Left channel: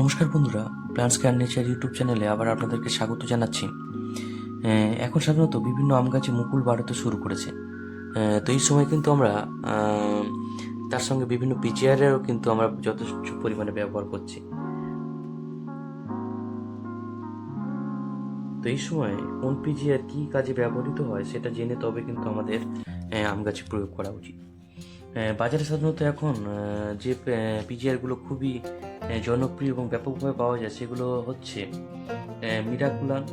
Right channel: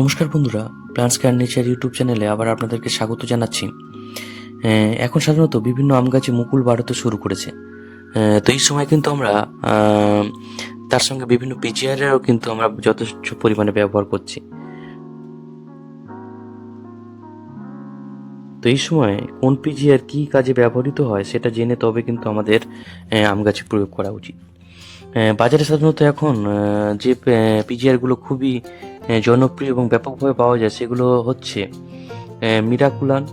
নমস্কার বন্ধুরা plants care nature YouTube চ্যানেলে আবার আপনাদেরকে স্বাগত জানাচ্ছি। এখন সাধারণত বিভিন্ন আম গাছে মুকুল বাড়াতে শুরু করেছে। তো এই সময় কিন্তু আমরা তার সঙ্গে বিভিন্ন পিজিআরেরও কিন্তু আমরা যথেষ্ট পরিমাণে ব্যবহার করছি। তো এই সময় কোন পিজিআর কী কাজে ব্যবহৃত হয় সেটা জেনে তবে কিন্তু আমাদের আম গাছে প্রয়োগ করা উচিত। বাজারে সাধারণত এখন যে পিজিআরগুলো খুবই জনপ্রিয় এবং ব্যাপকভাবে পাওয়া যায়, সেগুলো হচ্ছে মিরাকুলান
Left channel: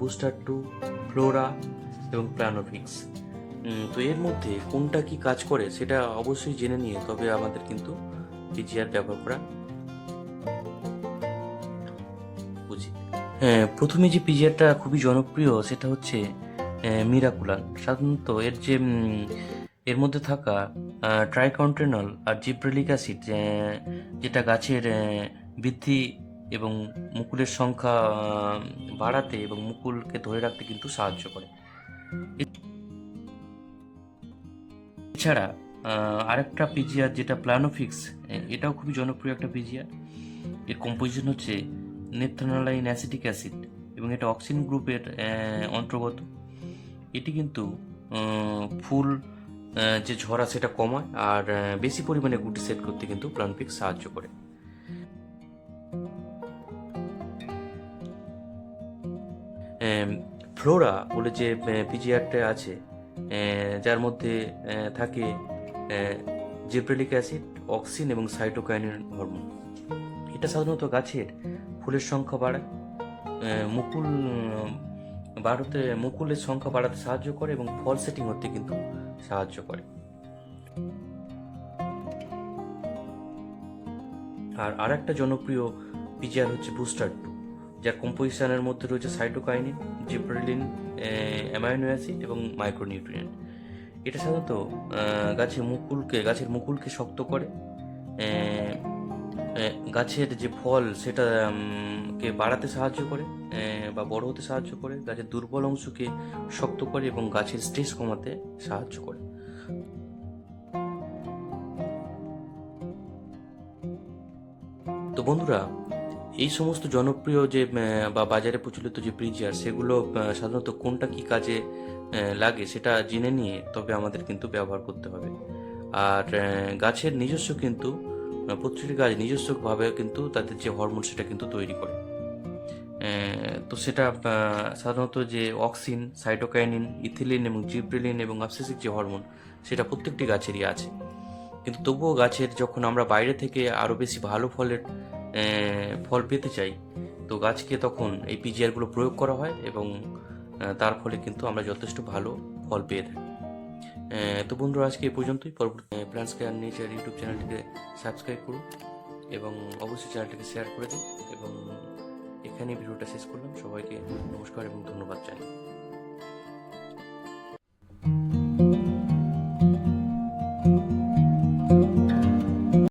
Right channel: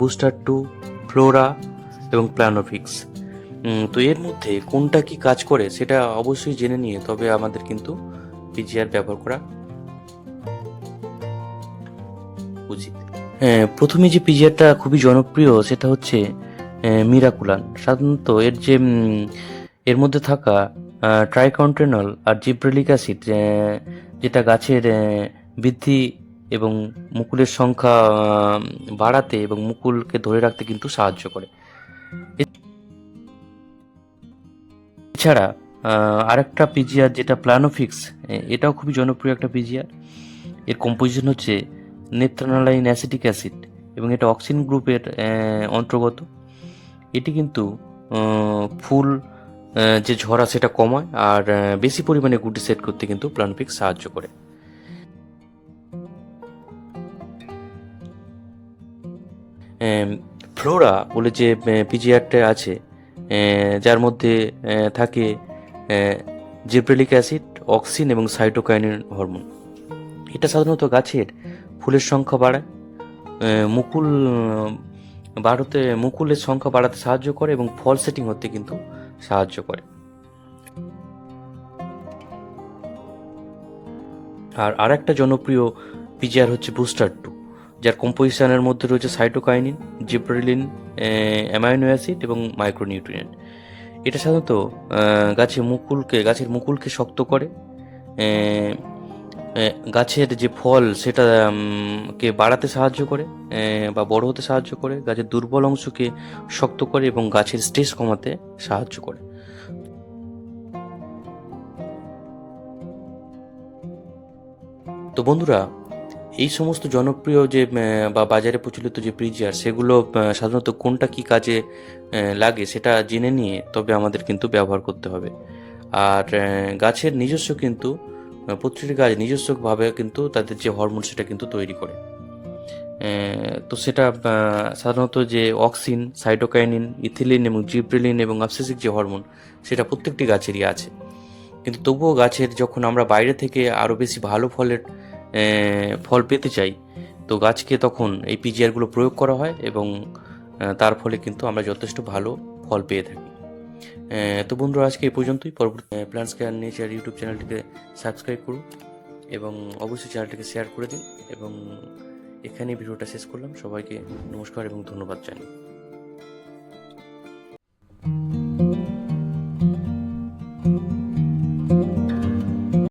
বুস্টার টু ফ্লোরা এবং প্ল্যানোফিক্স তো এর মধ্যে কোনটা কি কাজ করে, সেটা অবশ্যই জেনে নিয়ে, তবে আমাদের কিন্তু পিজিআর ব্যবহার করা উচিত। প্রথমে যে পিজিআরটা খুবই জনপ্রিয়, সেটা হচ্ছে মিরাকুলান সাধারণত এর যে এর মধ্যে থাকা ট্রাইকন্টেনল আর জিব্রেলিক অ্যাসিড যেটা গাছের বৃদ্ধি এবং মুকুলের সংখ্যা বাড়াতে এবং মুকুলকে ধরে রাখতে কিন্তু সাহায্য করে। এছাড়া আরেকটা পিজিআর যেটা প্লানোফিক্স এটাও খুবই জনপ্রিয় একটা পিজিআর। এর কম্পোজিশন হচ্ছে নেত্রানালাইন অ্যাসিটিক অ্যাসিড এবং এটা অক্সিন গ্রুপের অন্তর্গত। এটি কিন্তু ফুল যে ঝরা সেটা কমায় আর বেশি পরিমাণে গুটি সেট করতে কিন্তু প্লানফিক্স সাহায্য করে। ফ্লোরা বলে যে পিজিআরটা আছে যার মধ্যে থাকে জিব্রেলিক অ্যাসিড, অক্সিন এবং সাইটোকাইনিন হরমোন। এটা সাধারণত গাছের ফুলের সংখ্যা বাড়ায় মুকুল বাড়াতে, মুকুলের সংখ্যা বাড়াতে সাহায্য করে এবং ফল সেটিং হতে কিন্তু সাহায্য করে। আর আরেকটা জনপ্রিয় পিজিআর হচ্ছে বুস্টার টু যার কম্পোজিশনের মধ্যে রয়েছে সাইটোকাইনিন জিব্রেলিন অ্যামাইনো অ্যাসিড এবং মাইক্রোনিউট্রিয়েন্ট। এটা সাধারণত গাছের মুকুলকে গাছের মুকুলকে শক্ত করে গাছের যে ফল, সেটা কে বাড়াতে সাহায্য করে বা বড় হতে সাহায্য করে, গাছের দুর্বল অংশকে শক্ত করে এবং গাছের স্ট্রেস কমাতে সাহায্য করে। তো বন্ধুরা, এই সমস্ত জনপ্রিয় যে বা বাজারে প্রচলিত যে প্রিজিয়ার সেগুলো সাধারণত কোনটা কি কাজে লাগে সেটা জেনে নিয়ে তবে আমাদের কিন্তু ব্যবহার করতে হবে। আর গাছের নিজস্ব কিন্তু প্রতিটি গাছ নিজস্বভাবে কিন্তু তাদের যে হরমোন সেটা কিন্তু তৈরি করে। তো সেটা সাধারণত যে অক্সিন সাইটোকাইনিন ইথিলিন এবং জিব্রেলিন এবং অবসেসিক যে হরমোন সেটা প্রত্যেকটি গাছেরই আছে। কিন্তু তবুও গাছের যখন আমরা বাইরে থেকে আরও বেশি ভালো ফলের ফল পেতে চাই, তো গাছকে তখন এই পিজিআরগুলো প্রয়োগ করা হয় এবং তার ফলে কিন্তু আমরা যথেষ্ট ভালো ফল পেয়ে থাকি। তো বন্ধুরা, আজকে এই পর্যন্তই। পরবর্তী প্ল্যান্টস কেয়ার নেচার ইউটিউব চ্যানেলটিকে সাবস্ক্রাইব করুন এবং অবশ্যই চ্যানেলটিকে শেয়ার করে দিন এবং এখানেই ভিডিওটা শেষ করলাম। সবাইকে নমস্কার এবং ধন্যবাদ জানাই